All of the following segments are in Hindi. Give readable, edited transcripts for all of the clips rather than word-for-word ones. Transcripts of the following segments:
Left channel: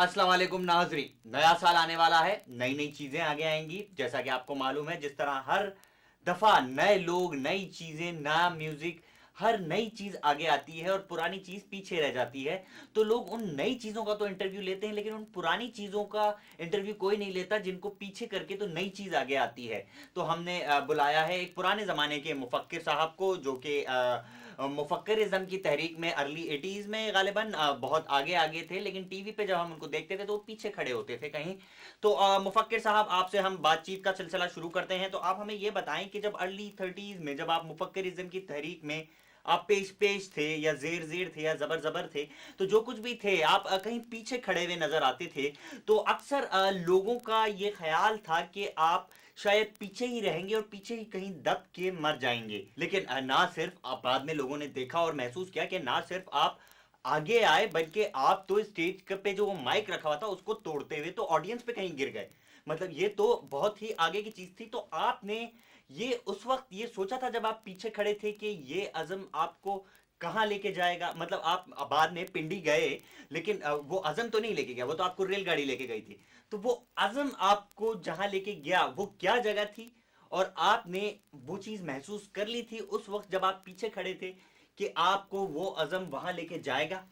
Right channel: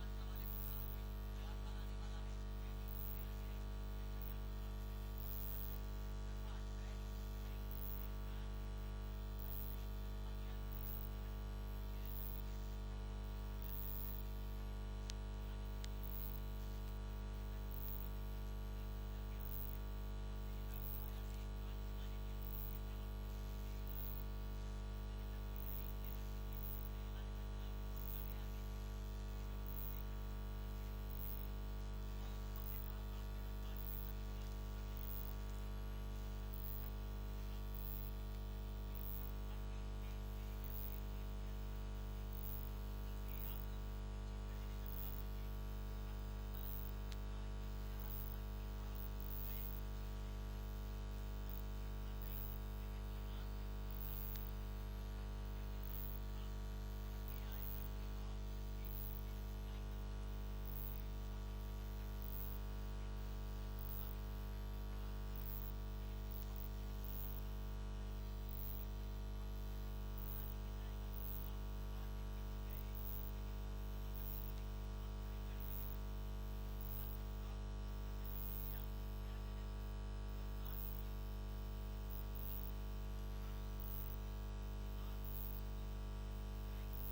अस्सलाम वालेकुम नाज़रीन, नया साल आने वाला है, नई नई चीजें आगे आएंगी। जैसा कि आपको मालूम है, जिस तरह हर दफा नए लोग, नई चीजें, नया म्यूजिक, हर नई चीज आगे आती है और पुरानी चीज पीछे रह जाती है। तो लोग उन नई चीजों का तो इंटरव्यू लेते हैं, लेकिन उन पुरानी चीजों का इंटरव्यू कोई नहीं लेता जिनको पीछे करके तो नई चीज आगे आती है। तो हमने बुलाया है एक पुराने जमाने के मुफक्किर साहब को, जो कि मुफक्किरिज्म की तहरीक में अर्ली 80s में गालिबन बहुत आगे आगे थे, लेकिन टीवी पे जब हम उनको देखते थे तो वो पीछे खड़े होते थे कहीं। तो मुफक्किर साहब, आपसे हम बातचीत का सिलसिला शुरू करते हैं। तो आप हमें ये बताएं कि जब अर्ली 30s में जब आप मुफक्किरिज्म की तहरीक में आप पेश पेश थे या जेर जेर थे या जबर जबर थे, तो जो कुछ भी थे आप कहीं पीछे खड़े हुए नजर आते थे। तो अक्सर लोगों का ये ख्याल था कि आप शायद पीछे ही रहेंगे और पीछे ही कहीं दब के मर जाएंगे। लेकिन ना सिर्फ आप, बाद में लोगों ने देखा और महसूस किया कि ना सिर्फ आप आगे आए, बल्कि आप तो स्टेज पे जो वो माइक रखा हुआ था उसको तोड़ते हुए तो ऑडियंस पे कहीं गिर गए। मतलब ये तो बहुत ही आगे की चीज थी। तो आपने ये उस वक्त ये सोचा था जब आप पीछे खड़े थे कि ये अज़म आपको कहाँ लेके जाएगा? मतलब आप बाद में पिंडी गए, लेकिन वो अज़म तो नहीं लेके गया, वो तो आपको रेलगाड़ी लेके गई थी। तो वो अज़म आपको जहां लेके गया वो क्या जगह थी, और आपने वो चीज महसूस कर ली थी उस वक्त जब आप पीछे खड़े थे कि आपको वो अज़म वहां लेके जाएगा?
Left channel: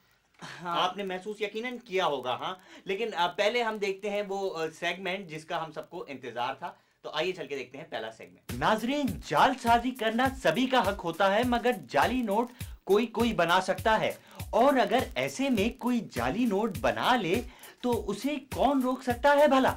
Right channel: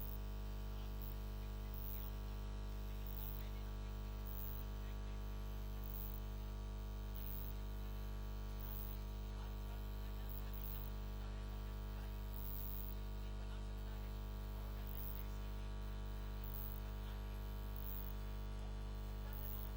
हाँ। आपने महसूस यकीनन किया होगा। हाँ, लेकिन पहले हम देखते हैं वो सेगमेंट जिसका हम सबको इंतजार था। तो आइए चल के देखते हैं पहला सेगमेंट। नाजरीन, जालसाजी करना सभी का हक होता है, मगर जाली नोट कोई कोई बना सकता है। और अगर ऐसे में कोई जाली नोट बना ले तो उसे कौन रोक सकता है भला?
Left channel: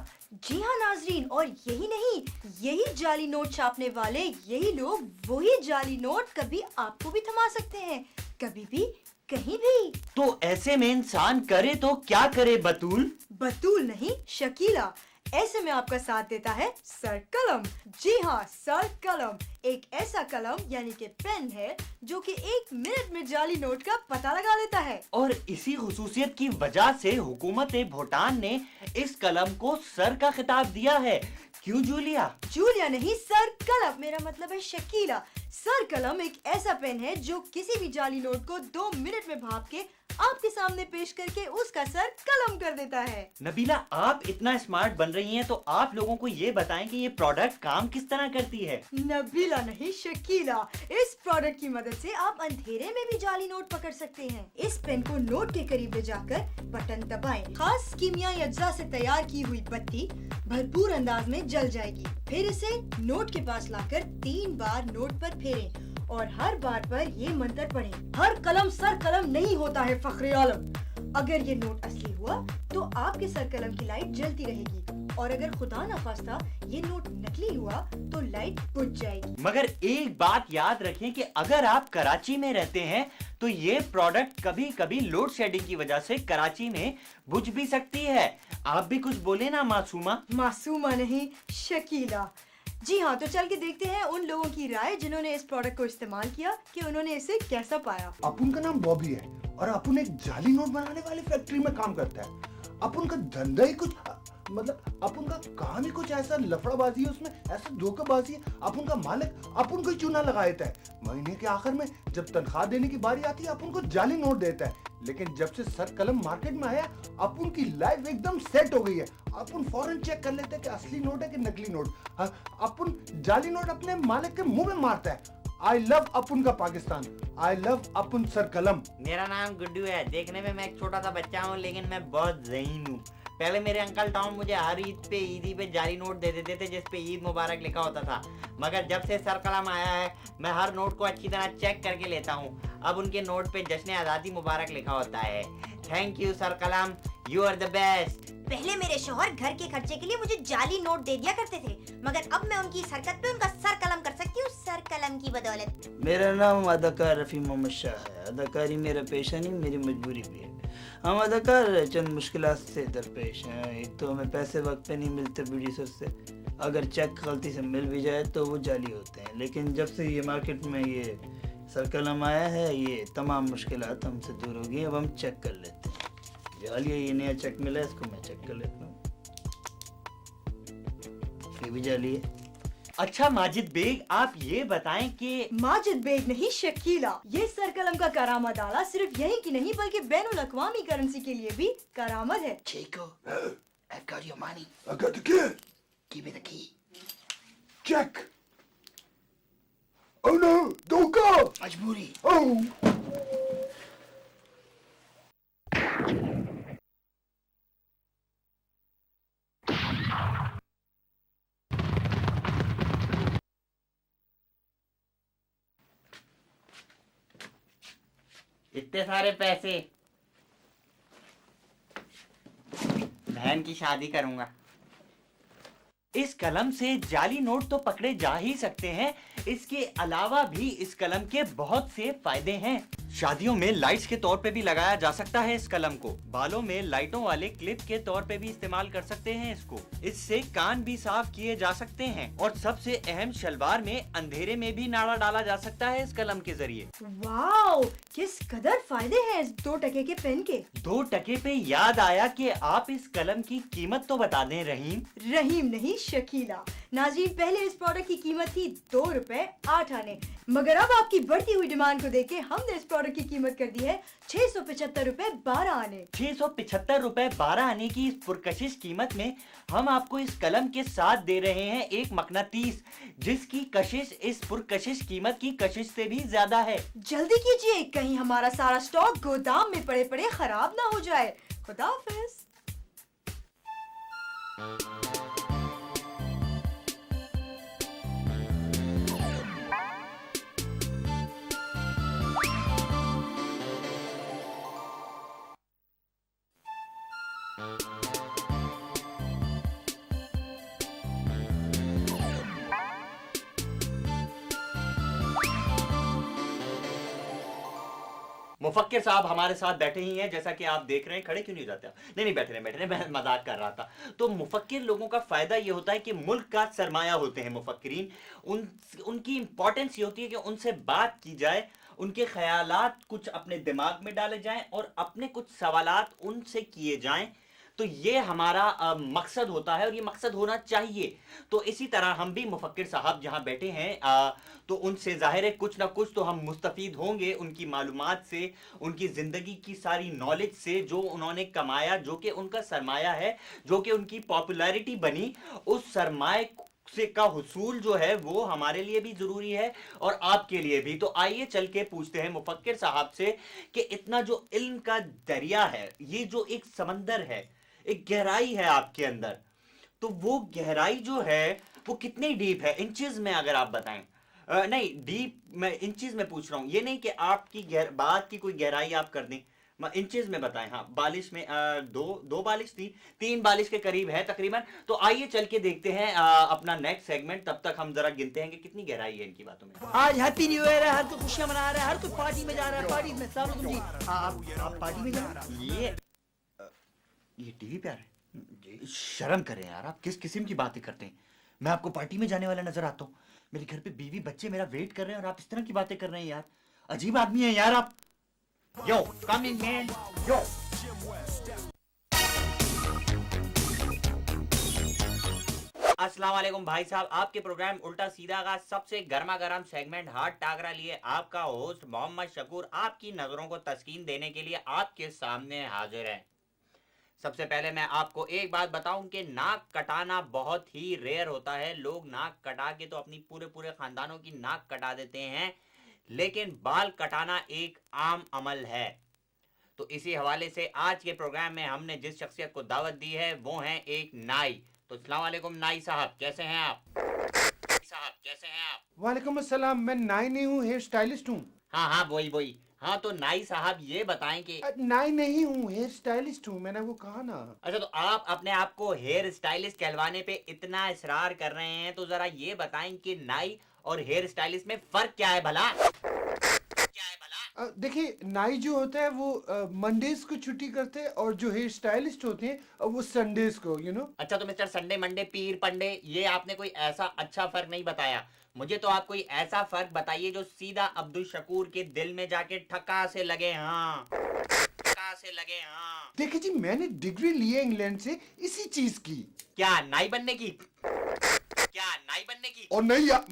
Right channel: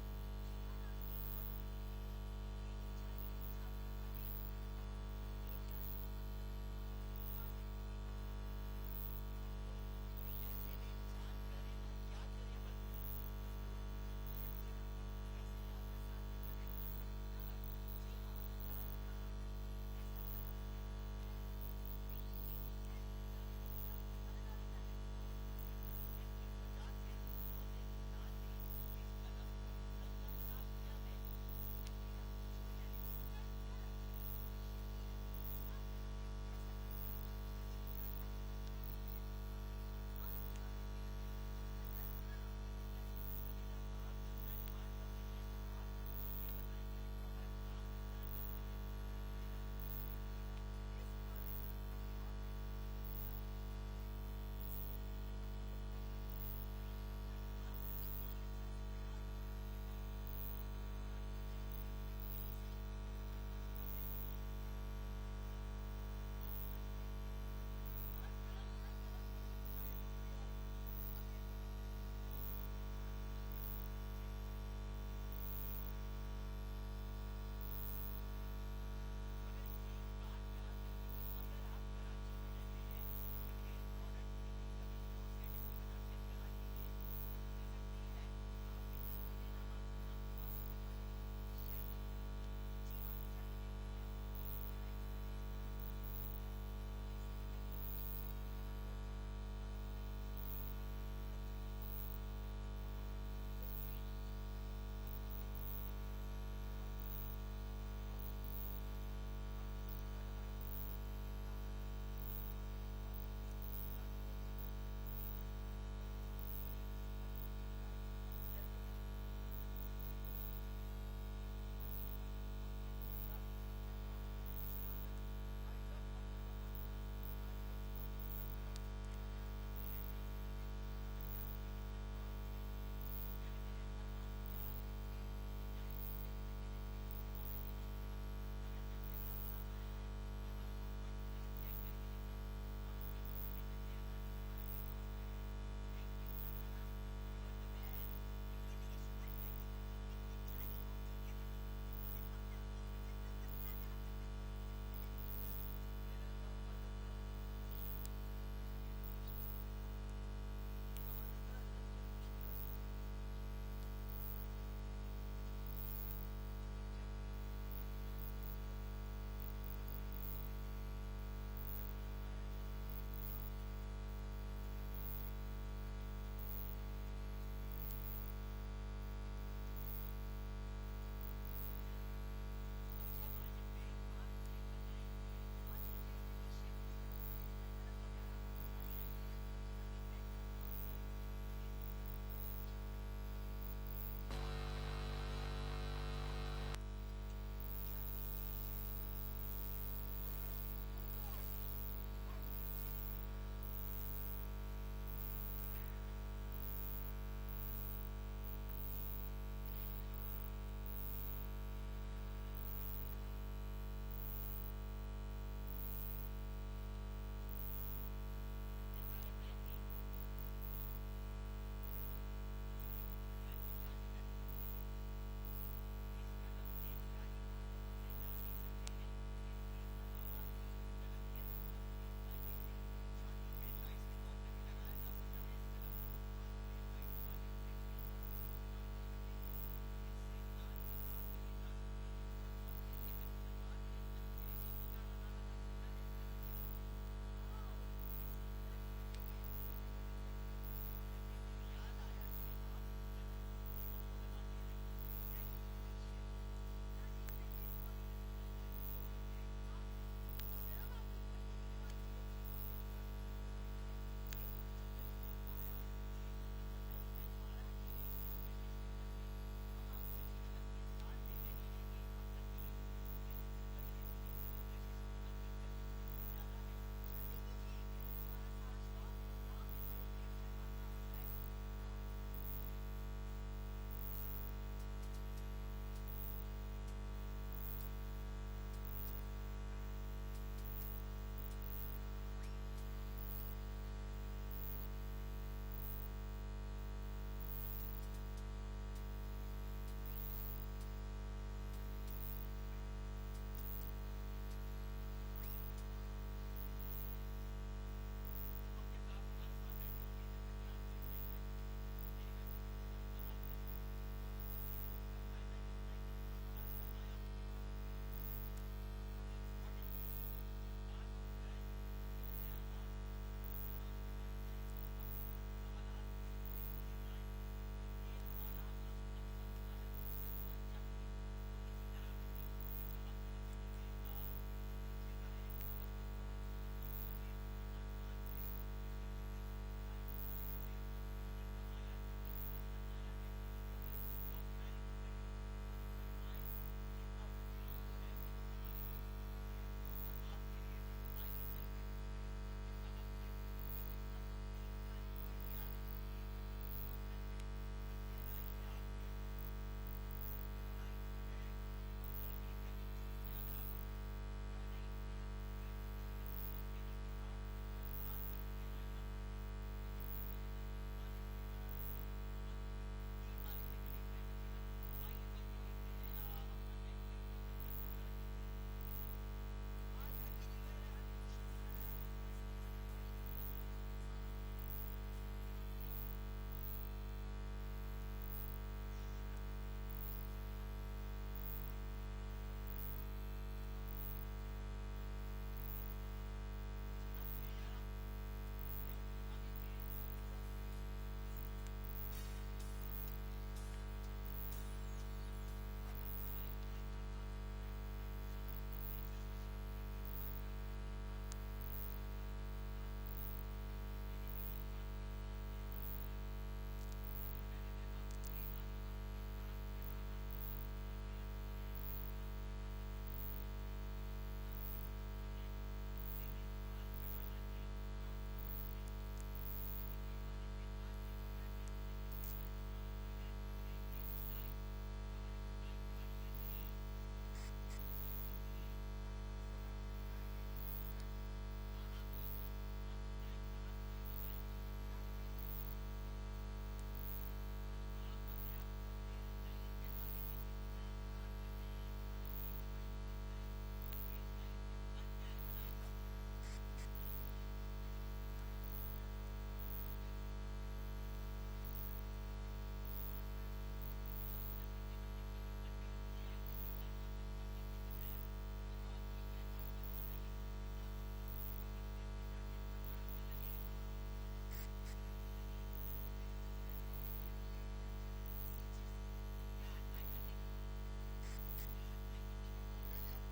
जी हाँ नाजरीन, और यही नहीं, यही जाली नोट छापने वाले यही लोग वही जाली नोट कभी आपको भी थमा सकते हैं, कभी भी, कहीं भी। तो ऐसे में इंसान करे तो क्या करे बतूल? बतूल नहीं, शकीला। ऐसे में आपका साथ देता है सर कलम। जी हाँ, सर कलम एक ऐसा कलम यानी कि पेन है जो कि 1 मिनट में जाली नोट का पता लगा लेता है। और इसी खुसूसियत की वजह से हुकूमत भूटान ने इस कलम को सर का खिताब दिया है। क्यों जूलिया? जूलिया नहीं, सर कलम, मेरा मतलब है शकीला। सर कलम एक ऐसा पेन है जो किसी भी जाली नोट को 2 मिनट में भाप के आपके सामने पेश करके उसका सर कलम कर देता है। नबीला, आप इतना स्मार्ट बन रही हैं, तो आप लोगों को ये बताएं कि ये प्रोडक्ट काम किस तरह करती है। नबीला नहीं, शकीला। इस प्रोडक्ट की मदद से आप अंधेरे में भी जाली नोट पकड़ सकते हैं। इस पेन को नोट के करीब ले जाकर बटन दबाएं। खास कीमियाई अज्जा से तैयार की हुई बत्ती भरपूर अंदाज में जल जाएगी। फिर इसे नोट के पास लाकर 3 बार नोट पर फेरें और हर बार पर ये मंत्र पढ़ें, हर कलम सर कलम नहीं होता है फख्रे आलम। अगर ये नोट असली हुआ तो आपके सर कलम की लाइट जलती रहेगी, और अगर खुदा न खास्ता ये नोट नकली हुआ तो लाइट बुझ जाएगी। मगर एक बात याद रखें कि अगर आप कराची में रहते हैं तो ये प्रोडक्ट कभी कभी लोड शेडिंग की वजह से कराची में बुझ भी सकती है। आप भी कुछ बोले ना मासूमा। मासूमा नहीं, शकीला। जी हाँ, तो चल के देखते हैं उन लोगों की राय जिन्होंने इस प्रोडक्ट को इस्तेमाल किया कि उन्होंने इसे कैसा पाया। अपुन का नाम बॉबी है और अपुन एक जाली नोट बनाने वाली फैक्ट्री में काम करता है। अपुन का धंधा ही कुछ, मतलब अपुन का काम ही कुछ ऐसा लफड़ाबाजी है, उसमें ऐसा धोखेबाजी है। अपुन का मालिक अपुन को ही चूना लगा देता है। महीने के आखिर में जब तनख्वाह देने की बारी आती है अपुन को जाली नोट देता है। लेकिन जब से सर कलम मार्केट में आया अपुन की लाइफ एकदम सेट हो गई है। अपुन फौरन चेक कर लेते हैं कि असली नोट है कि नकली नोट। अपुन जाली नोट अपने मालिक के मुंह में मारता है। आई लव अपुन का पाकिस्तान, आई लव अपुन सर कलम। मेरा नाम गुड्डू है। देखने में मैं एक छोटा सा बच्चा हूँ, लेकिन मैं बहुत ज़हीन हूँ। पहले मेरे अंकल टॉम मुझे हर ईदी पे जाली नोट दे देते थे जिस पे ईद मुबारक लिखा होता था। मगर जब से सर कलम आया है मैं हर नोट को अच्छी तरह चेक करके लेता हूँ। अब उनके नोट पे जश्न आज़ादी मुबारक लिखा होता है। थैंक यू सर कलम, यू आर द बेस्ट। पहले मेरे शौहर घर के खर्चे के लिए मुझे जाली नोट दे दिया करते थे, मगर अब मैं उनकी इस हरकत पे उनका सर कलम कर सकती हूँ, सर कलम की बदौलत। मेरा नाम अदाकार रफ़ी मोहम्मद शाह है। अदाकारी मेरा पेशा नहीं, मेरी मजबूरी भी है। हम अदाकार चंद मुश्किलात से दरपेश हैं। एक तो हमें पैसे वक्त पे नहीं मिलते प्रोड्यूसर से। अगर चेक गलती से मिल भी जाए तो वो जाली होते हैं। लेकिन जब से ये मार्केट में ये सर कलम आया है, ये तमाम मुश्किलात हमसे दूर हो गई। अब हम चेक कर लेते हैं। जालिए, ये नया चेक मिला है, इसको मैं चेक कर लेता हूँ। ये भी जाली है, अच्छा माजिद बेग, आप ये बताएं कि माजिद बेग नहीं, शकीला। ये सर कलम का करामत आला सिर्फ यही की नहीं बल्कि बैनुल अक़वामी करेंसी के लिए भी करामत है। Chico, I got your money. I got the key. Give me the key. Check. Oh no, don't go. मजबूरी। Oh. इतने सारे पैसे, बहन की शादी करूंगा। इस कलम से जाली नोट तो पकड़े जा ही सकते हैं, इसके अलावा भी इस कलम के बहुत से फायदे हैं। शादियों में लाइट्स के तौर पे भी लगाया जा सकता है इस कलम को। बालों में लाइटों वाले क्लिप के तौर पे भी इस्तेमाल कर सकते हैं इसको। इससे कान भी साफ किए जा सकते हैं और सबसे अहम, शलवार में अंधेरे में भी नाड़ा डाला जा सकता है इस कलम के जरिए। वाओ, किस कदर फायदे हैं इस 2 टके के पेन के। 2 टके पे याद आया कि आप इस कलम की कीमत तो बता दें रहीम। रहीम नहीं, शकीला। नाज़रीन, पहले इस प्रोडक्ट की कीमत थी 2 रुपए 8 आने, मगर अब आपकी बढ़ती हुई डिमांड को देख के हमने इस प्रोडक्ट की कीमत कर दी है 675 रुपए 12 आने। 675 रुपए 12 आने की इस पुरकशिश कीमत में हम आपको इस कलम के साथ दे रहे हैं एक मकनातीस, जिसकी कशिश इस पुरकशिश कीमत की कशिश से भी ज्यादा है। जल्दी कीजिए, कहीं हमारा सारा स्टॉक गोदाम में पड़े पड़े खराब ना हो जाए। खुदा हाफिज। मुफक्किर साहब हमारे साथ बैठे ही हैं, जैसा कि आप देख रहे हैं। खड़े क्यों नहीं हो जाते? नहीं नहीं, बैठे रहे, मैं मजाक कर रहा था। तो मुफक्किर लोगों का फायदा ये होता है कि मुल्क का सरमाया होते हैं मुफक्किरीन। उनकी इंपॉर्टेंस ये होती है कि उनसे बात की जाए, उनके ख्यालात कुछ अपने दिमाग में डाले जाएं और अपने कुछ सवालात उनसे किए जाएं। तो ये हमारा मकसद होता है और ये मकसद होना चाहिए। तो इसी तरह हम भी मुफक्किर साहब जहाँ बैठे हैं तो उनसे ज़ाहिर है कुछ ना कुछ तो हम मुस्तफ़ीद होंगे उनकी मालूमात से, उनकी ज़िंदगी की सारी नॉलेज से, जो उन्होंने कमाया, जो कि उनका सरमाया है, जो कि उनकी पॉपुलैरिटी बनी, उस सरमाए से का हुसूल जो है वो हमारे लिए भी ज़रूरी है और आपके लिए भी। तो आइए चल के पूछते हैं मुफक्किर साहब से कि इतना जो इल्म का दरिया है, ये जो एक समंदर है, एक गहराई है आपके अंदर, तो वो गहराई जो है वो कितनी डीप है इंचेस में, अगर आप बताएं। नहीं, डीप मैं इंचेस में पूछ रहा हूँ, ये नहीं कि आपकी बात की कोई गहराई आप कर दें, इंचेस में बताएं। हाँ, बालिश में दो बालिश थी, 3 बालिश के करीब है तकरीबन। तो आइए चल के देखते हैं अपना नेक्स्ट सेगमेंट। तब तक हम जरा गिनते हैं कि कितनी गहराई है इनकी बातों में। आज हैप्पी न्यू ईयर है, हर कोई खुशियां मना रहा है, हर कोई पार्टी में जा रहा है। पार्टी में सालों तुम जी आप पार्टी में जा रहे हैं? ये टीवी पे आ रहा है, शर्म करें यार, आप किस किस्म की बातें करते हैं। मैं आपको पार्टी में जाने वाला नजर आता हूँ, मेरे घर पे बीवी बच्चे मेरा वेट कर रहे हैं और आप इस तरह की बातें कर रहे हैं यार। अजीब आदमी है यार आप। यो कम इन मैन, यो। अस्सलाम वालेकुम भाई साहब, आपके प्रोग्राम उल्टा सीधा का सबसे गर्मा गर्म सेगमेंट हाथ टाकरा लिए आपका होस्ट मोहम्मद शकूर आपकी नजरों को तस्कीन देने के लिए आपके सामने हाजिर है। सबसे पहले मैं आपको एक बात बताऊं कि नाक कटाना बहुत ही रेयर होता है। लोग नाक कटा के तो अपनी पूरे खानदानों की नाक कटा देते हैं, लेकिन बाल कटाना एक आम अमल है। तो इसी हवाले से आज के प्रोग्राम में हमने जिस शख्सियत को दावत दी है वो है एक नाई। तो अस्सलाम वालेकुम नाई साहब, कैसे हैं आप? वालेकुम अस्सलाम। मैं नाई नहीं हूँ, हेयर स्टाइलिस्ट हूँ। हाँ वही। हाँ, तो नाई साहब ये बताएं कि नाई नहीं हूँ, हेयर स्टाइलिस्ट हूँ, मैंने वो कहा ना। अच्छा, तो आप अपने आप को हेयर स्टाइलिस्ट कहलवाने पे इतना इसरार कर रहे हैं, तो जरा ये बताएं कि नाई और हेयर स्टाइलिस्ट में फर्क क्या है भला? देखिए, नाई जो होता है वो मंडेज को छुट्टी करते हैं और जो हेयर स्टाइलिस्ट होते हैं वो संडेज को, यू नो। अच्छा, तो मिस्टर संडे मंडे पीर पंडे, ये आपने कोई ऐसा अच्छा फर्क नहीं बताया मुझे। तो आप कोई ऐसा फर्क बताइए जो सीधा अब्दुल शकूर के दिल में जाके ठक्का से लगे। हाँ, ठक्का से लगे। हाँ, देखिए जी, मैंने डिग्री ली है इंग्लैंड से इसी चीज की। क्या नाई बनने की? क्या नाई बनने की? और नहीं यार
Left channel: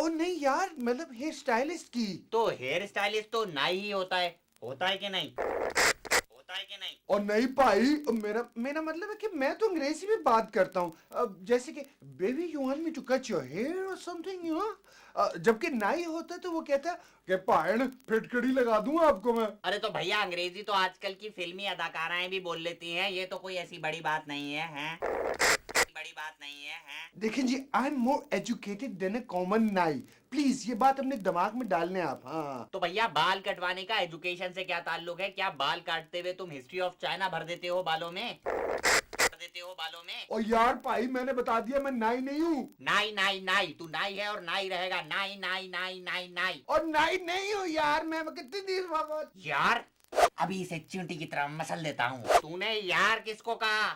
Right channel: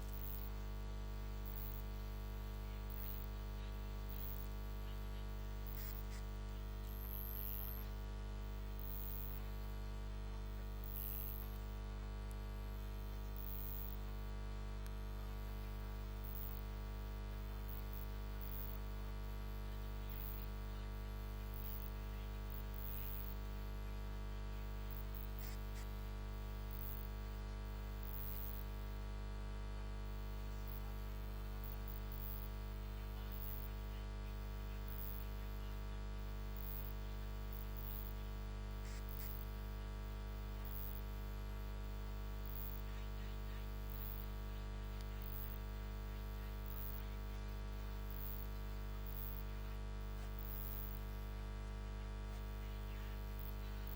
ओ नहीं यार, मतलब हेयर स्टाइलिस्ट की। तो हेयर स्टाइलिस्ट तो नाई ही होता है कि नहीं? होता है कि नहीं? और नहीं भाई, मेरा मतलब है कि मैं तो अंग्रेजी में बात करता हूँ, जैसे कि baby you want me to cut your hair or something, you know. जबकि नाई होता तो वो कहता कि पायन फिटकड़ी लगा दूंगा आपको मैं। अरे तो भैया अंग्रेजी तो आजकल की फिल्मी अदाकाराएं भी बोल लेती हैं, ये तो कोई ऐसी बड़ी बात नहीं है, हैं? बड़ी बात नहीं है, हैं? देखें जी, I am more educated than a common नाई, प्लीज ये बात अपने दिमाग में डालने आप। हाँ तो भैया बाल कटवाने का एजुकेशन से क्या ताल्लुक है? क्या बाल काटते हुए तुम हिस्ट्री ऑफ चाइना भर देते हो बालों में? और यार भाई मैंने बता दिया मैं नाई नहीं हूँ। नाई तू नाई है और नाई रहेगा, नाई। और नाई नहीं हूँ यार, मैं कितनी देर बाद यार अभी इसे चींटी की तरह मसल देता हूँ। तूने यार किसको कहा?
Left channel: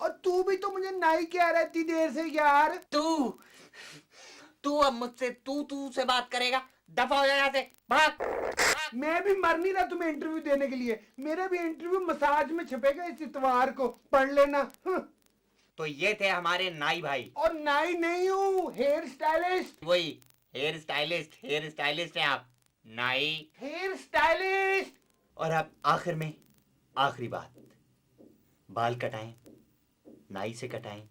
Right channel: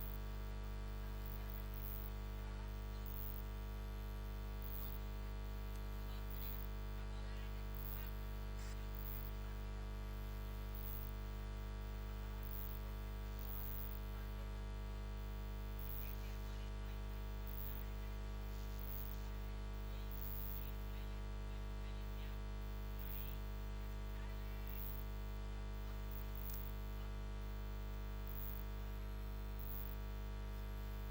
और तू भी तो मुझे नाई कह रही थी देर से यार। तू अब मुझसे तू से बात करेगा? दफा हो जा यहाँ से, भाग। मैं भी मर नहीं रहा तुम्हें इंटरव्यू देने के लिए, मेरा भी इंटरव्यू मसाज में छपेगा इस इतवार को, पढ़ लेना। तो ये थे हमारे नाई भाई। और नाई नहीं हूँ, हेयर स्टाइलिस्ट। वही हेयर स्टाइलिस्ट है आप, नाई हेयर स्टाइलिस्ट। और अब आखिर में आखिरी बात, बाल कटाएं, नाई से कटाएं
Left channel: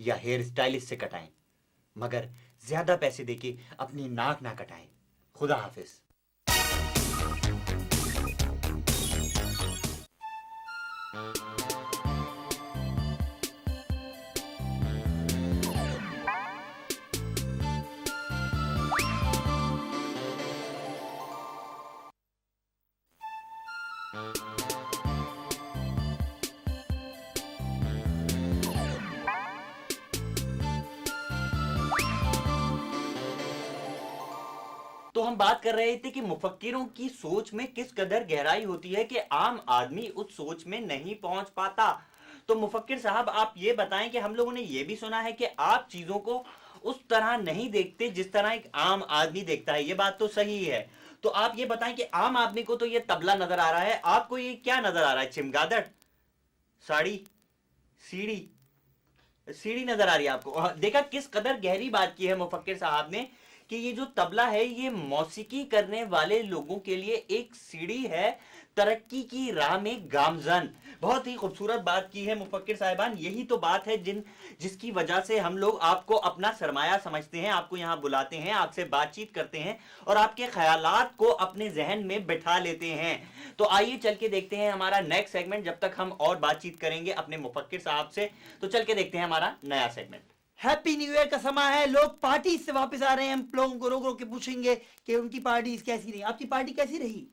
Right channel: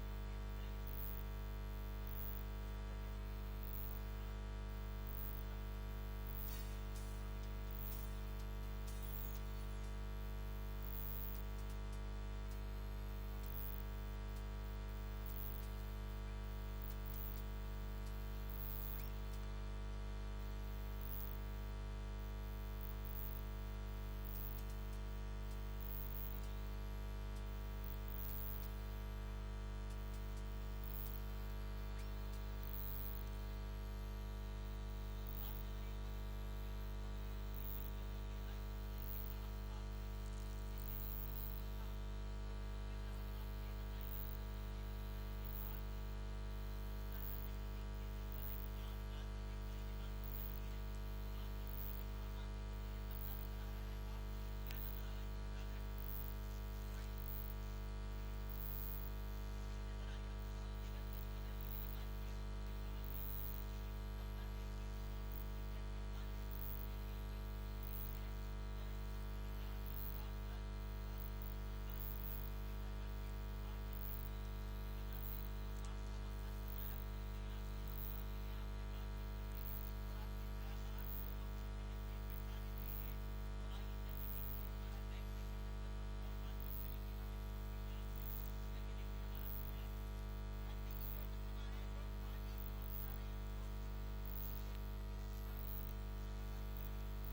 या हेयर स्टाइलिस्ट से कटाएं, मगर ज्यादा पैसे देके अपनी नाक ना कटाएं। खुदा हाफिज। तो हम बात कर रहे थे कि मुफक्किरों की सोच में किस कदर गहराई होती है कि आम आदमी उस सोच में नहीं पहुंच पाता। तो मुफक्किर साहब आप ये बताएं कि हम लोगों ने ये भी सुना है कि आप चीजों को उस तरह नहीं देखते जिस तरह एक आम आदमी देखता है, ये बात तो सही है। तो आप ये बताएं कि आम आदमी को तो ये तबला नजर आ रहा है, आपको ये क्या नजर आ रहा है? चिमगादड़, साड़ी, सीढ़ी नजर आ रही है आपको? देखा किस कदर गहरी बात की है मुफक्किर साहब ने कि ये जो तबला है ये मौसीकी करने वाले लोगों के लिए एक सीढ़ी है तरक्की की राह में गामजन। बहुत ही खूबसूरत बात की है मुफक्किर साहिबान। यही तो बात है जिसकी वजह से हम लोग आपको अपना सरमाया समझते हैं, आपको यहाँ बुलाते हैं, आपसे बातचीत करते हैं और आपके ख्यालात को अपने जहन में बिठा लेते हैं। तो आइए चल के देखते हैं हमारा नेक्स्ट सेगमेंट। जब तक हम और बातचीत करेंगे अपने मुफक्किर साहब से, तो चल के देखते हैं हमारा नया सेगमेंट। हैप्पी न्यू ईयर का समय है, लोग पार्टी से वापस आ रहे हैं। हम लोगों को रोक रोक के पूछेंगे कि उनकी पार्टी कैसी रही, आपकी पार्टी कैसी रही?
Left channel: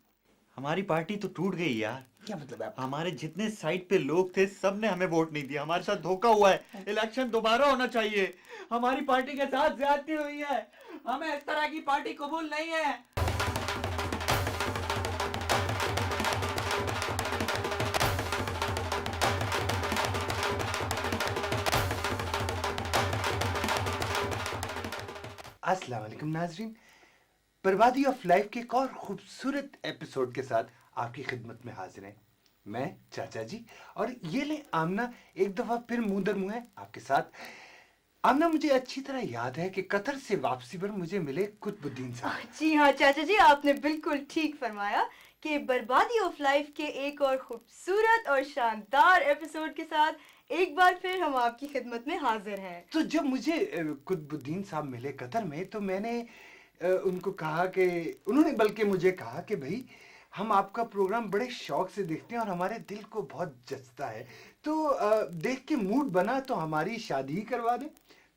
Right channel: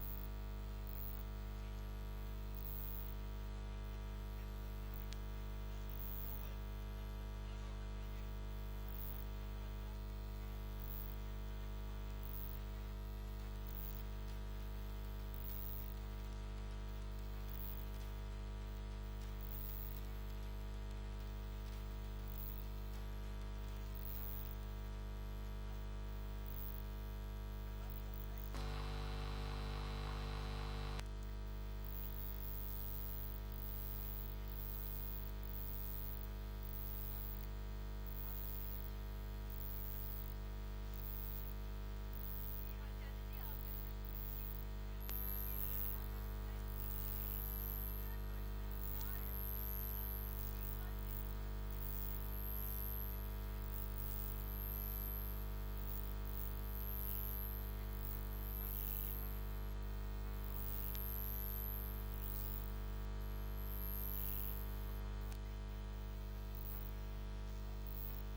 हमारी पार्टी तो टूट गई यार। क्या मतलब है? हमारे जितने साइड पे लोग थे सब ने हमें वोट नहीं दिया, हमारे साथ धोखा हुआ है। इलेक्शन दोबारा होना चाहिए। हमारी पार्टी के साथ ज्यादती हुई है, हमें इस तरह की पार्टी कबूल नहीं है। अस्सलाम वालेकुम नाजरीन, बर्बादी ऑफ लाइफ के एक और खूबसूरत एपिसोड के साथ आपकी खिदमत में हाजिर हैं मैं चाचा जी। और ये ले आमना एक दफा फिर मुंह दर मुंह है आपके साथ। आमना, मुझे अच्छी तरह याद है कि कतर से वापसी पर मुझे मिले कुतुबुद्दीन साहब। जी हाँ चाचा जी, आपने बिल्कुल ठीक फरमाया कि बर्बादी ऑफ लाइफ के एक और खूबसूरत और शानदार एपिसोड के साथ एक बार फिर हम आपकी खिदमत में हाजिर हैं। तो जब मुझे कुतुबुद्दीन साहब मिले कतर में, तो मैंने उनको कहा कि उन्होंने बल्कि मुझे कहा कि भाई हम आपका प्रोग्राम बड़े शौक से देखते हैं और हमारे दिल को बहुत जचता है, तो देख के मूड बना तो हमारी शादी ही करवा दें।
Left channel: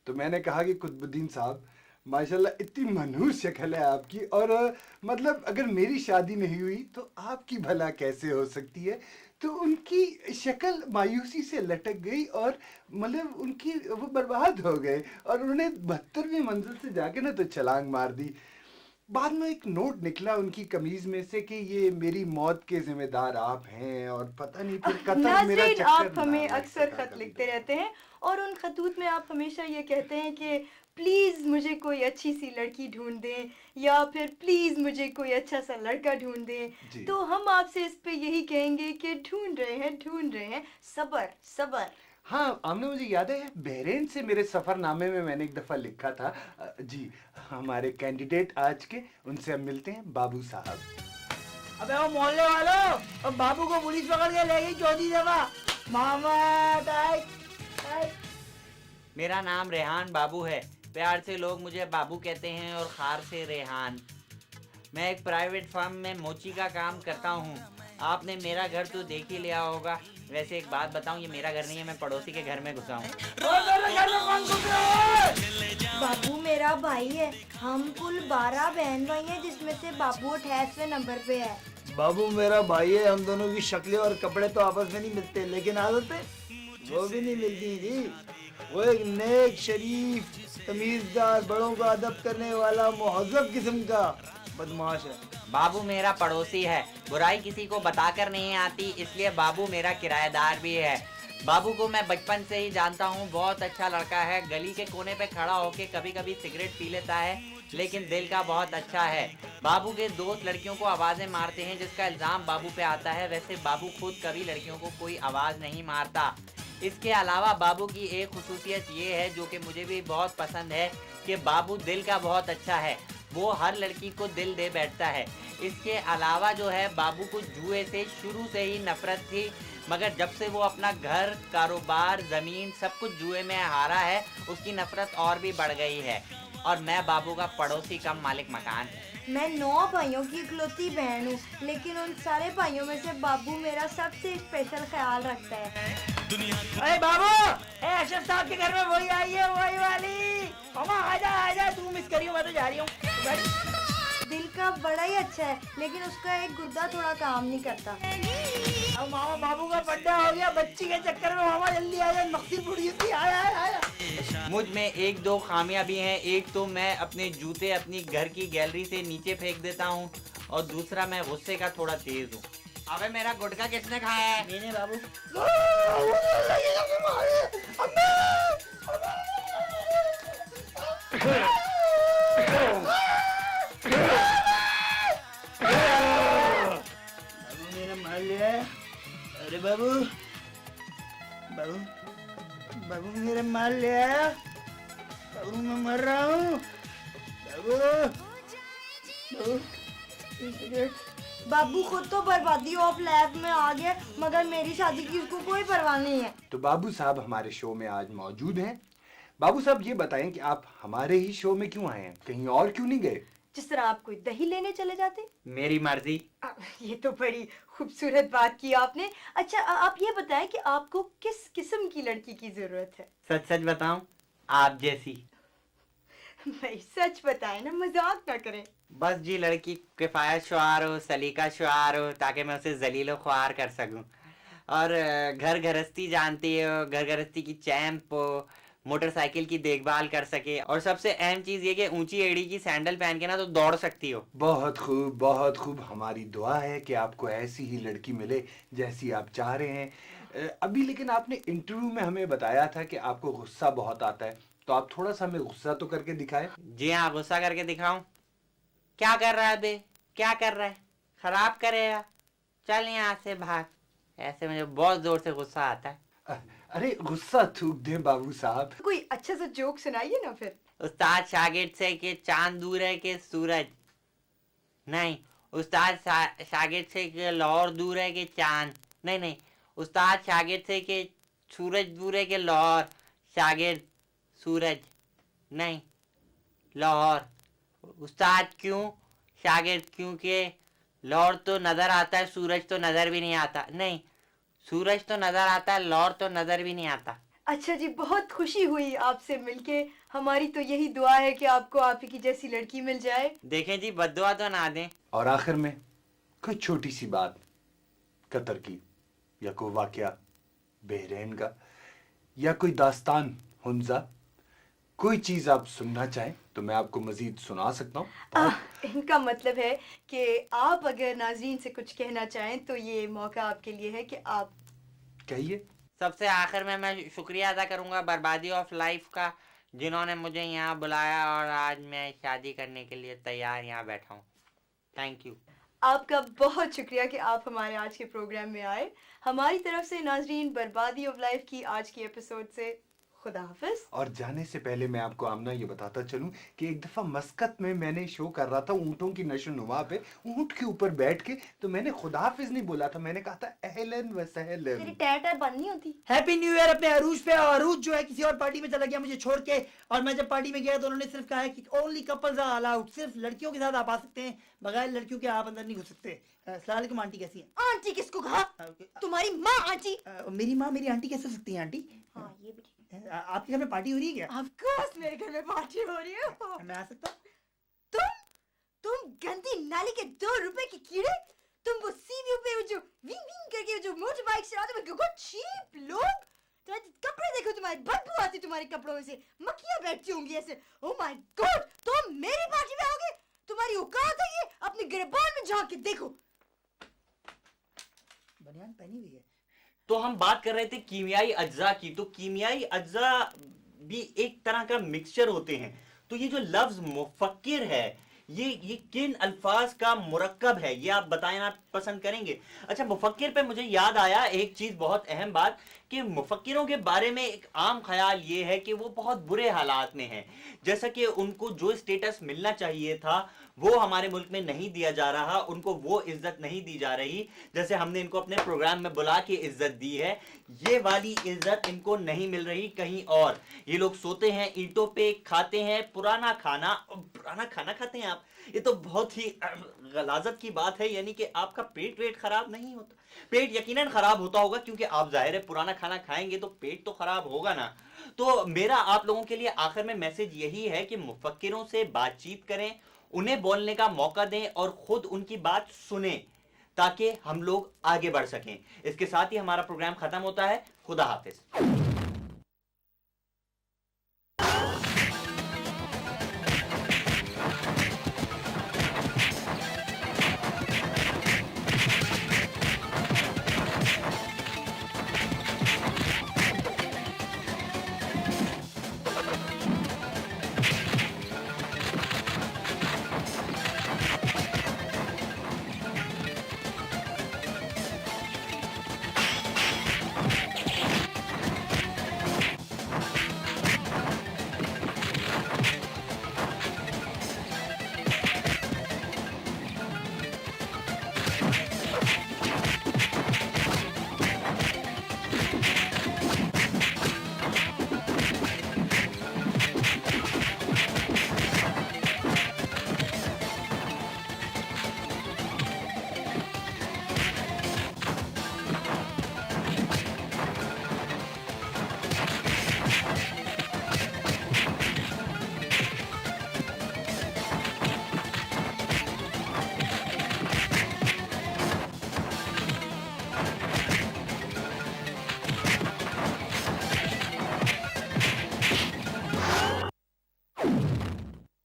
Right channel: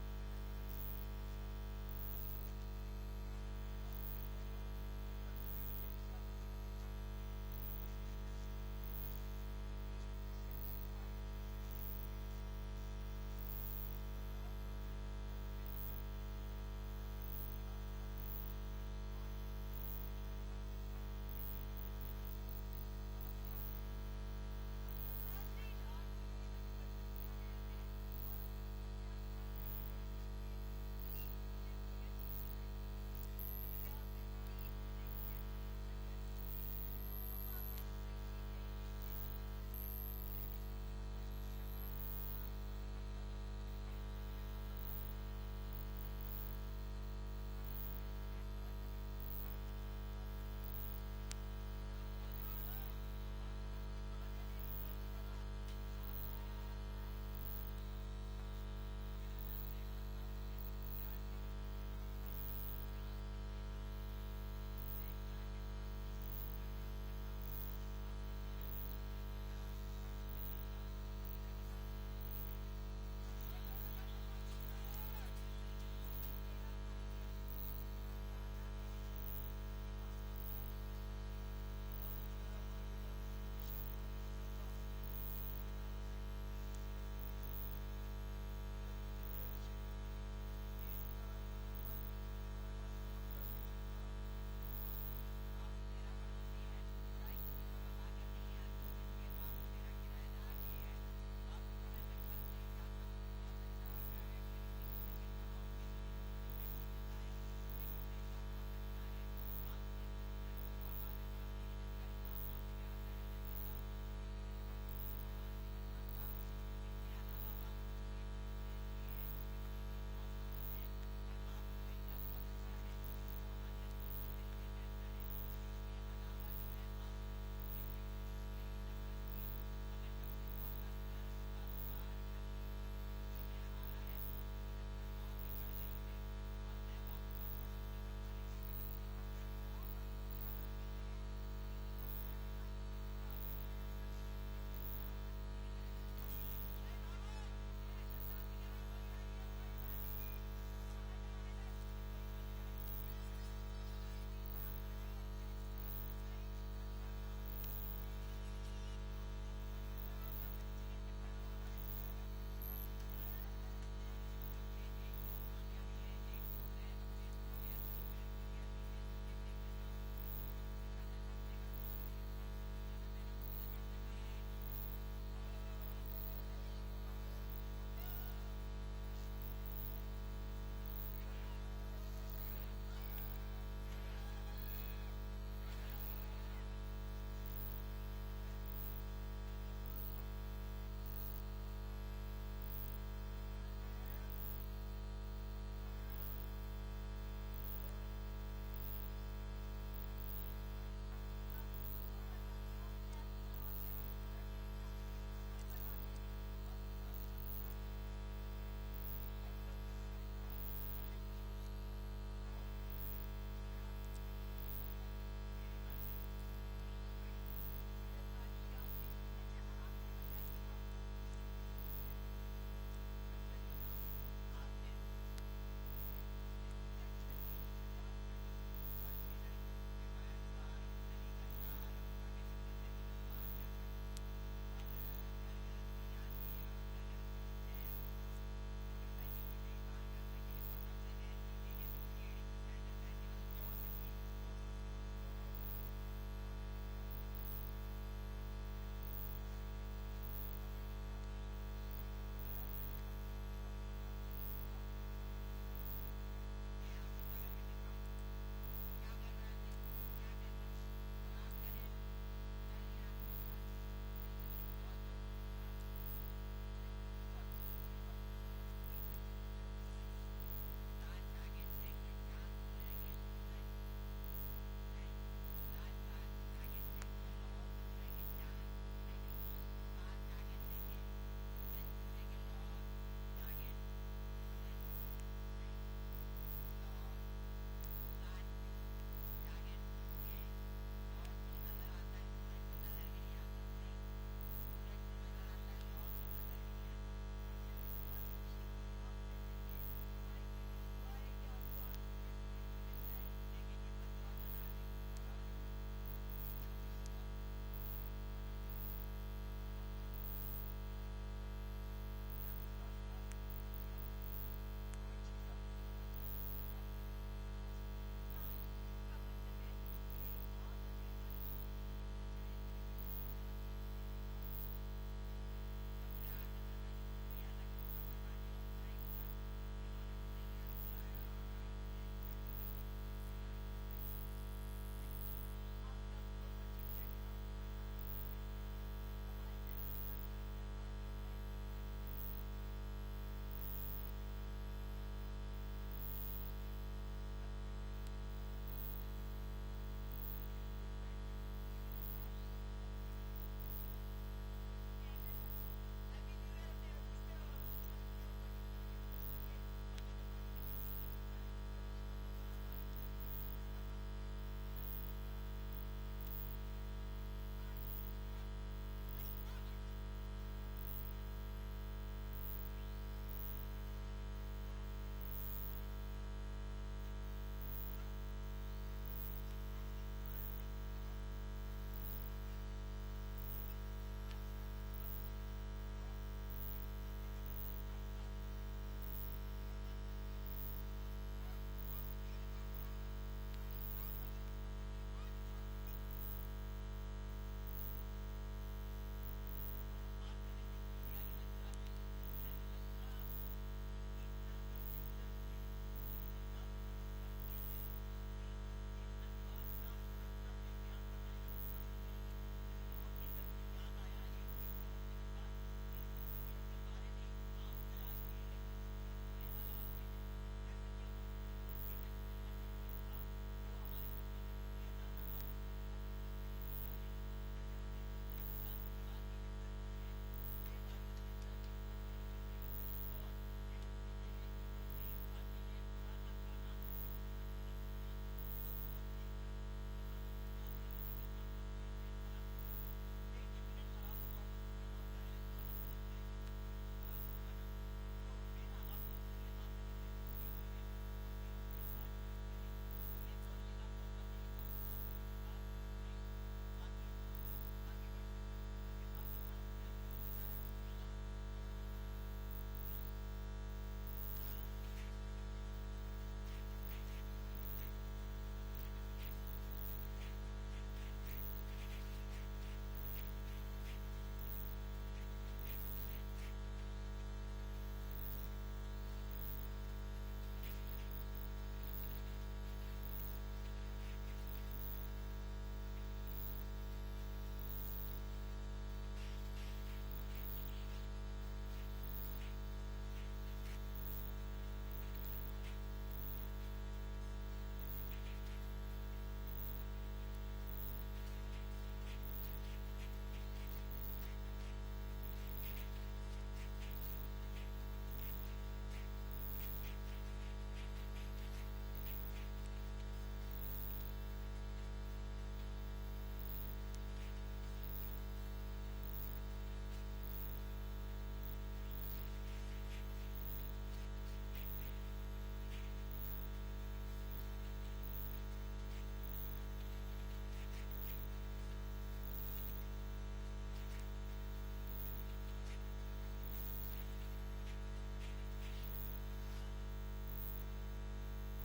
तो मैंने कहा कि कुतुबुद्दीन साहब माशाल्लाह इतनी मनहूस शक्ल है आपकी, और मतलब अगर मेरी शादी नहीं हुई तो आपकी भला कैसे हो सकती है। तो उनकी शक्ल मायूसी से लटक गई और मतलब उनकी वो बर्बाद हो गए और उन्होंने 72वीं मंजिल से जाके ना तो छलांग मार दी। बाद में एक नोट निकला उनकी कमीज में से कि ये मेरी मौत के जिम्मेदार आप हैं, और पता नहीं फिर कतर मेरा नाज़रीन, चक्कर आप ना हमें आए। अक्सर खत लिखते रहते हैं और उन खतूत में आप हमेशा ये कहते हैं कि प्लीज़ मुझे कोई अच्छी सी लड़की ढूंढ दें या फिर प्लीज़ मुझे कोई अच्छा सा लड़का ढूंढ जी। दें। तो हम आपसे इस पे यही कहेंगे कि ढूंढ रहे हैं, सबर सबर। हाँ, आमना मुझे याद है बहरीन से मेरे सफरनामे में मैंने एक दफा लिखा था। जी, हमारे कैंडिडेट आज के, उनसे हम मिलते हैं, बाबू साहब। अबे वो मोहल्ले वालों, अब बाबू को पुलिस पकड़ के ले गई चौथी दफा। मामा मेरा नाम रेहान बाबू है। प्यार से लोग मुझे बाबू कहते हैं और खार से रेहान। मैं एक प्राइवेट फर्म में मोची का काम करता हूँ। आपने मेरा घर तो देख ही लिया होगा। वैसे एक बात बताऊँ, ये मेरा घर नहीं है, मैं पड़ोसी के घर में घुसा हूँ। बाबू मेरा भाई है। हम कुल 12 बहन भाई हैं, जिसमें से बाबू 28वें नंबर पे है। बाबू मेरा भाई है। हम दोनों की शक्लें और कपड़े तो आपस में नहीं मिलते, लेकिन आदतें वो भी नहीं मिलती जी। वो एक नेक, शरीफ, तमीज़दार, बड़ों का अदब करने वाला, मुहज़्ज़ब किस्म का बदमाश है। बाबू मेरा पड़ोसी है। बुराई किसी को बताकर नहीं आती, इसलिए बाबू मेरा किराएदार भी है। बाबू को मैं बचपन से ही जानता हूँ। बहुत अच्छा लड़का है। गली के कोने पे खड़ा होके कभी कभी सिगरेट पी लेता है, लेकिन दिल का बहुत अच्छा है। बाबू के दोस्त लड़कियों को आवाज़ें मारते हैं, जिसका इल्ज़ाम बाबू पे आता है। वैसे बाबू खुद कभी लड़कियों को कोई आवाज़ नहीं मारता। इसके अलावा बाबू की एक खुसूसियत ये है, जो कि मुझे भी बहुत पसंद है, कि बाबू दिल का बहुत अच्छा है। वो हर लड़की को दिल दे बैठता है। इसके अलावा जो है, बाबू को जुए से शुरू से ही नफरत थी, मगर जब से वो अपना घर, कारोबार, ज़मीन सब कुछ जुए में हारा है, उसकी नफरत और भी बढ़ गई है। और मैं बाबू का पड़ोसी कम मालिक मकान। मैं 9 भाइयों की इकलौती बहन हूँ, लेकिन उन सारे भाइयों में से बाबू मेरा सबसे स्पेशल ख्याल रखता है। अरे बाबू, अशरफ साहब के घर में वही आई है, वही वाली। मामा आजा, तू मिस करी हो, मैं तो जा रही हूँ। दिल का बड़ा ही अच्छा है, लेकिन उसका एक गुर्दा थोड़ा काम नहीं करता। अब मामा, बाबू का बर्थडे हो गया, बच्ची के चक्कर में मामा जल्दी आ जा। मकसद बुढ़ी थी, आया। मुझ में एक दो खामियां भी हैं। एक तो मैं अपने जूते अपनी घर की गैलरी से नीचे फेंक देता हूँ, और दूसरा मैं गुस्से का थोड़ा तेज हूँ। अबे मेरा गुटखा किसने खाया है? मैंने बाबू। बाबू मेरा माल लिया है। अरे बाबू मेरा माल लिया है। बाबू मैं मर रहा हूँ। बाबू खुद तो बर्बादी ऑफ लैब में आ गया, मगर मेरी शादी की उसको कोई परवाह नहीं है। तो बाबू साहब हमारे शो में आज मौजूद हैं। बाबू साहब ये बताएं कि आप हमारे ही शो में क्यों आए हैं, कहीं और क्यों नहीं गए? जिस तरह आप कोई दही लेने चले जाते। मेरी मर्जी। ये तो बड़ी खूबसूरत बात की आपने। अच्छा, आप ये बताएं कि आपको किस किस्म की लड़की की जरूरत है? सच सच बताऊं, आप जैसी। भाई सच बताएं ना, मजाक ना करें। बस जी, लड़की किफायत शुआर हो, सलीका शुआर हो, ताकि मैं उसे जलीलो ख्वार कर सकूं। और घर गृहस्थी जानती हो, घर गृहस्थी की चैंप हो, मोटरसाइकिल की देखभाल कर सके, और सबसे अहम चीज ये कि ऊंची एड़ी की सैंडल पहन के ना तो दौड़ सकती हो। बहुत खूब, बहुत खूब। हमारी दुआ है कि आपको ऐसी ही लड़की मिले जैसी आप चाह रहे हैं। अभी लेकिन आपने इंटरव्यू में हमें बताया था कि आपको गुस्सा बहुत आता है, तो आप थोड़ा सा हमें गुस्सा तो करके दिखाएं। जी हाँ, गुस्सा करके दिखाऊं? क्या कर रहा है बे? क्या कर रहा है? खराब करेगा? चल यहाँ से भाग। ऐसे मुझे बहुत जोर से गुस्सा आता है। अरे गुस्सा थूक दें बाबू साहब। कोई अच्छा सा जोक सुनाइए ना फिर। उस्ताद शागिर्द से कि चांद दूर है कि सूरज नहीं। उस्ताद शागिर्द से कि लाहौर दूर है कि चांद नहीं। उस्ताद शागिर्द से कि सूरज दूर है कि लाहौर। शागिर्द सूरज नहीं, लाहौर। उस्ताद क्यों? शागिर्द क्योंकि लाहौर तो नजर आता है, सूरज तो नजर भी नहीं आता। नहीं, सूरज तो नजर आता है, लाहौर तो नजर भी नहीं आता। अच्छा जी, बहुत खुशी हुई आपसे मिलके। हमारी तो यही दुआ है कि आपको आप ही की जैसी लड़की मिल जाए। देखें जी, बद्दुआ तो ना दें। और आखिर में कोई छोटी सी बात कतर की, या कोई वाकया बहरीन का, या कोई दास्तान हुंजा, कोई चीज आप सुनना चाहें तो मैं आपको मजीद सुना सकता हूँ। इनका मतलब है कि आप अगर नाज़रीन से कुछ कहना चाहें तो ये मौका आपके लिए है कि आप कहिए। सबसे आखिर में मैं शुक्रिया अदा करूंगा बर्बादी ऑफ लाइफ का, जिन्होंने मुझे यहाँ बुलाया और आज मैं शादी करने के लिए तैयार यहाँ बैठा हूँ। Thank you. आपका बहुत शुक्रिया कि आप हमारे आज के प्रोग्राम में आए। हमारी तरफ से नाजरीन बर्बादी ऑफ लाइफ की आज की एपिसोड से खुदा हाफिज। और जाने से पहले मैं आपको आमना ये बताता चलूं कि एक दफा मस्कत में मैंने शो कर रहा था ऊँटों की नशोनुमा पे, ऊँट के ऊपर बैठ के, तो मैंने खुदा हाफिज नहीं बोला था, मैंने कहा था अहलन व सहलन। तेरी टैटर बंद नहीं होती। हैप्पी न्यू ईयर अपने अरूज पे। और अरूज जो है किसी और पार्टी में चला गया मुझे छोड़ के, और मैं जब पार्टी में गया तो उन्होंने सिर्फ कहा है कि ओनली कपल्स आर अलाउड, सिर्फ लड़कियों के साथ आप आ सकते हैं, बगैर लड़कियों के आप अंदर नहीं घुस सकते। अस्सलाम वालेकुम आंटी, कैसी है? आंटी किसको कहा? तुम्हारी माँ आंटी। मेरी माँ मेरी आंटी कैसे हो सकती है आंटी? हाँ, ये भी ठीक आपके घर में पार्टी हो रही है क्या? ऑफ कोर्स मेरे घर में पार्टी हो रही है। मैं आ सकता? तुम गंदी नाली के 2 रुपए की कीड़े, तुम वो सीवीओ पे जो विंग विंग करके जो मोटर बाइक चलाते हो, गुड चीप लोग। तुम्हारे कपड़े देखो, तुम्हारी बदबू आती तुम्हारे कपड़ों में से, मक्खियां बैठती होंगी ऐसे। ओह माय गॉड, तुम मेरी पार्टी में आओगे? तुम्हारी औकात है ये? अपने गिरबान में झांक के देखो। तो हम बात कर रहे थे कीमियाई अज्जा की। तो कीमियाई अज्जा भी एक तरह का मिक्सचर होते हैं। तो ये जो लफ्ज मुफक्किर है, ये किन अल्फाज का मुरक्कब है, ये आप बताना पसंद करेंगे? अच्छा, मुफक्किर पे मुझे याद आया एक चीज, बहुत अहम बात, कि मुफक्किरों के बारे में एक आम ख्याल ये है कि वो बहुत बुरे हालात में हैं। जैसा कि उनको जो स्टेटस मिलना चाहिए था वो हमारे मुल्क में नहीं दिया जा रहा, उनको वो इज्जत नहीं दी जा रही जैसे हमने इनको अपने प्रोग्राम में बुला के इज्जत दी है। ये वाली इज्जत इनको नहीं मिल रही कहीं और। ये लोग सोते हैं ईंटों पे, खाते हैं पुराना खाना खाते हैं आप। ये तो बहुत ही गलाजत की बात है, यानी कि आपका पेट वेट खराब नहीं होता। पेट यकीनन खराब होता होगा, क्योंकि आप जाहिर है पुराना खाना खाएंगे तो पेट तो खराब होगा ना। तो मेरा आप लोगों के लिए आखिर में मैसेज यही है कि मुफक्किरों से बातचीत करें, उन्हें बोलने का मौका दें और खुद उनकी बात सुने, ताकि हम लोग आगे बढ़ सकें। इसके साथ ही हमारा प्रोग्राम खत्म होता है। खुदा हाफिज।